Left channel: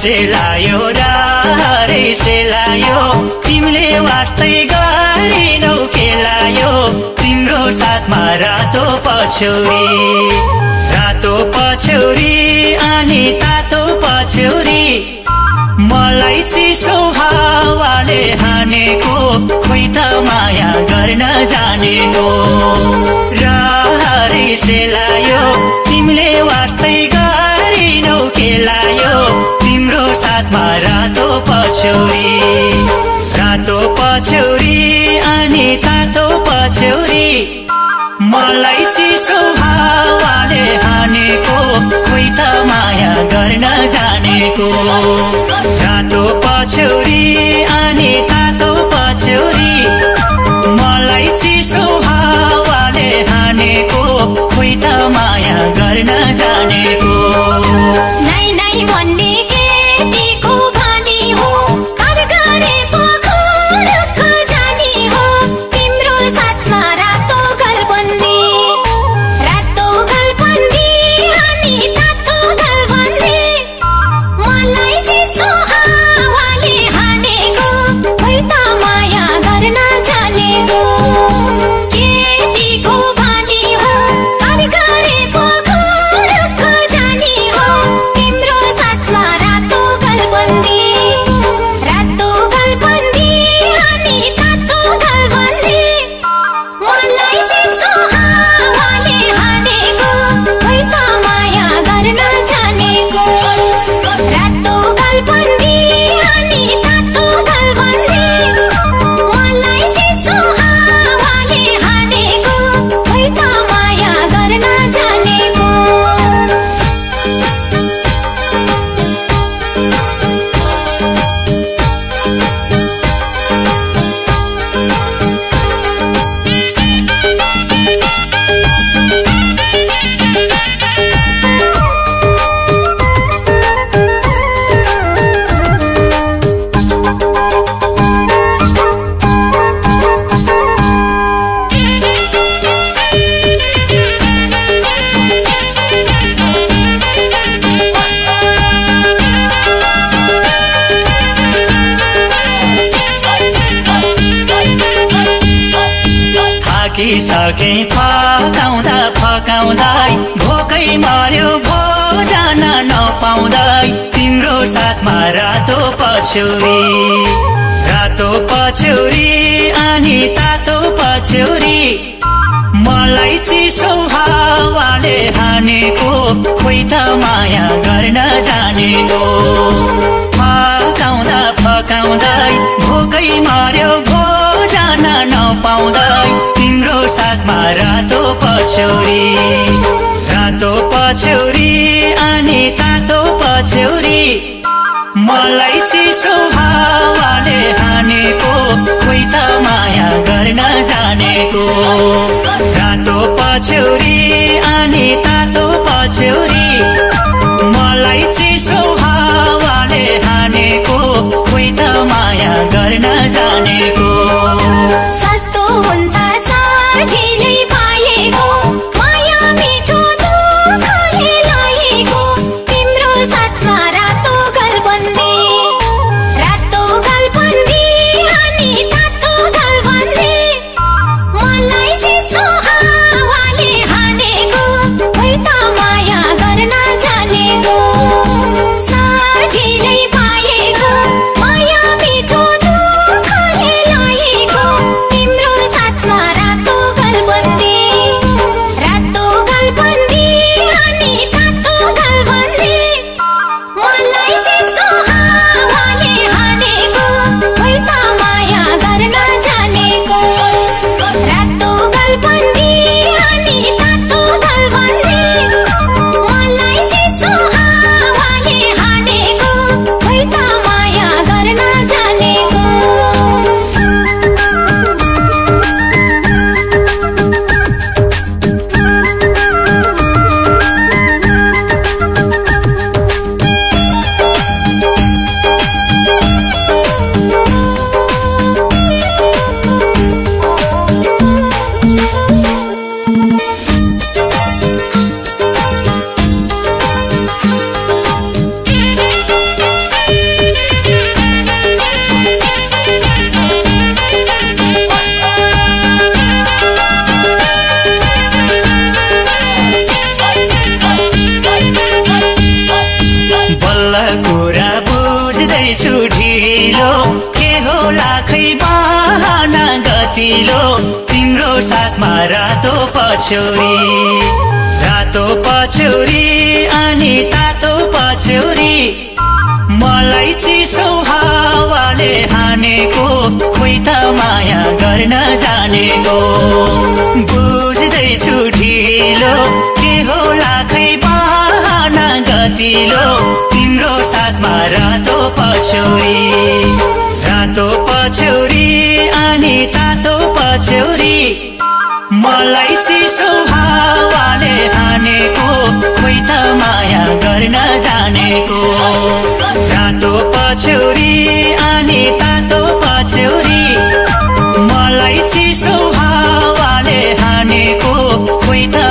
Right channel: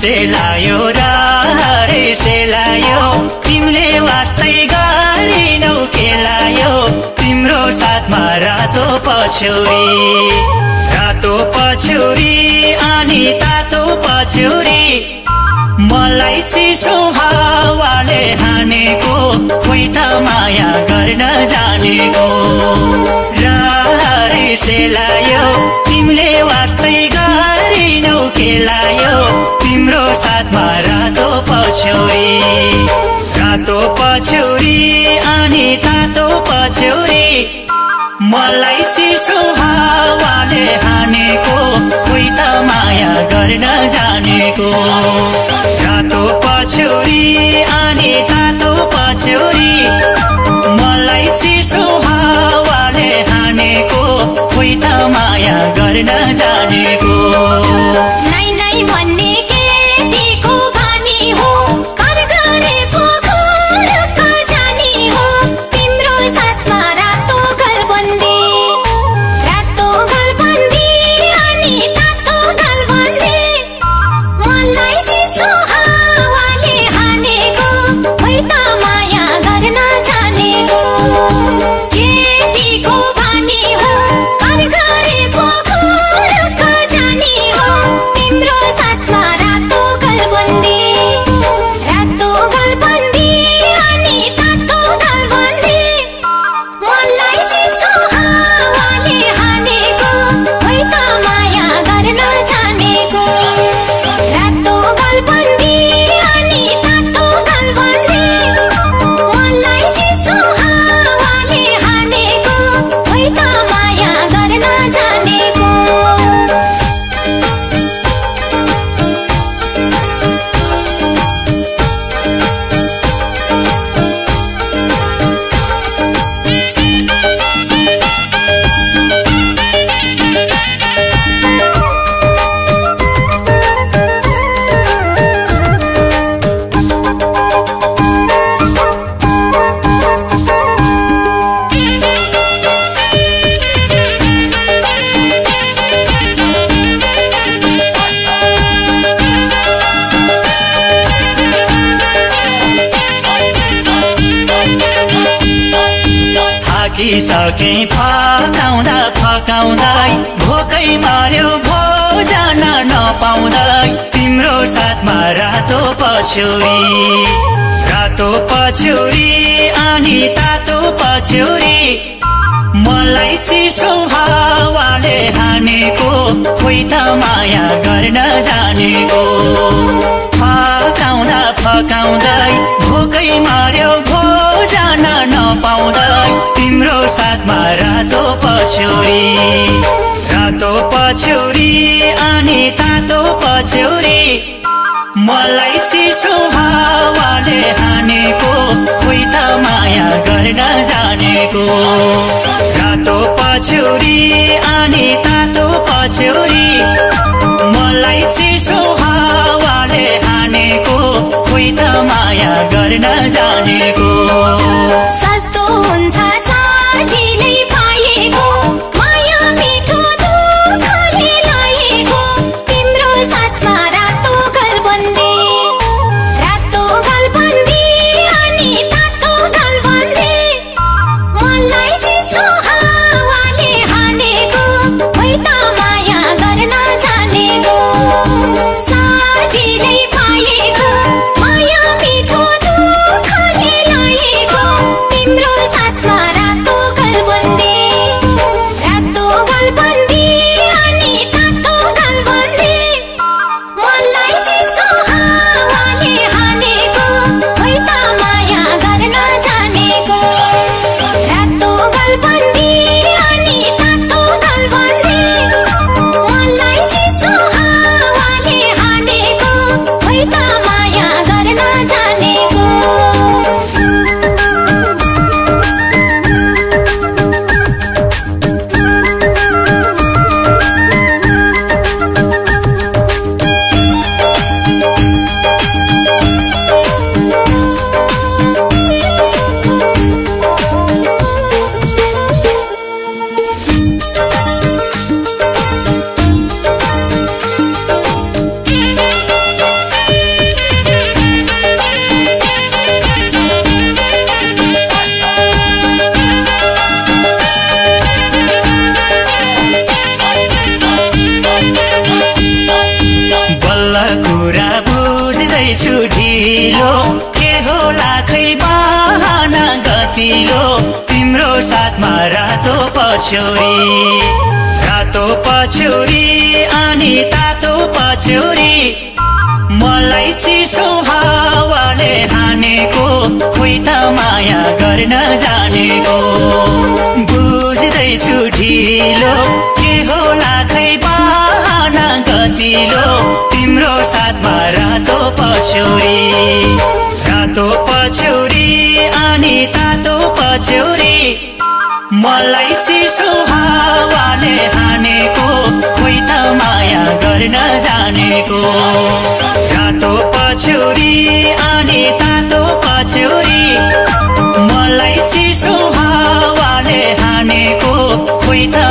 सेलायो रे सेलायो तिमीले वास्तै गरिनौ केलायो तिम्रो साथमा रातो पछौरी अनि तातो पछौरी मलाई चिसो हावाले हानेको खोइ त माया गर्न जानेको रे सेलायो तिमीले वास्तै गरिनौ केलायो तिम्रो साथमा रातो पछौरी अनि तातो पछौरी मलाई चिसो हावाले हानेको खोइ त माया गर्न जानेको रातो पछौरी अनि तातो पछौरी मलाई चिसो हावाले हानेको खोइ त माया गर्न जानेको नै नै भन्ने केटीको बानी हो घर गरे पोखरक जानी हो तिम्रो साथमा रातो गलबन्दी अनि तातो गलबन्दी मलाई चिसो हावाले हानेको खोइ त माया गर्न जानेको केटीको बानी हो घर गरे पोखरक जानी हो तिम्रो साथमा रातो गलबन्दी अनि तातो गलबन्दी मलाई चिसो हावाले हानेको खोइ त माया गर्न जानेको रातो गलबन्दी अनि तातो गलबन्दी मलाई चिसो हावाले हानेको खोइ त माया गर्न जानेको थाकिसके फकाउँदै भोकै मार्यो भोजन नपाउँदै तिम्रो साथमा रातो पछौरी अनि तातो पछौरी मलाई चिसो हावाले हानेको खोइ त माया गर्न जानेको फकाउँदै भोकै मार्यो भोजन नपाउँदै तिम्रो साथमा रातो पछौरी अनि तातो पछौरी मलाई चिसो हावाले हानेको खोइ त माया गर्न जानेको रातो पछौरी अनि तातो पछौरी मलाई चिसो हावाले हानेको खोइ त माया गर्न जानेको सस्तो हुन्छ साझीले पाएको माया मिठो दुःखले लाएको तिम्रो साथमा रातो गलबन्दी अनि तातो गलबन्दी मलाई चिसो हावाले हानेको खोइ गतिलो के होला खै बहाना गतिलो तिम्रो साथमा रातो पछ्यौरी अनि तातो पछ्यौरी मलाई चिसो हावाले हानेको खोइ त माया गर्न जानेको बुझ्दैछु ढिलो के होला खै बहाना गतिलो तिम्रो साथमा रातो पछ्यौरी अनि तातो पछ्यौरी मलाई चिसो हावाले हानेको खोइ त माया गर्न जानेको रातो पछ्यौरी अनि तातो पछ्यौरी मलाई चिसो हावाले हानेको खोइ त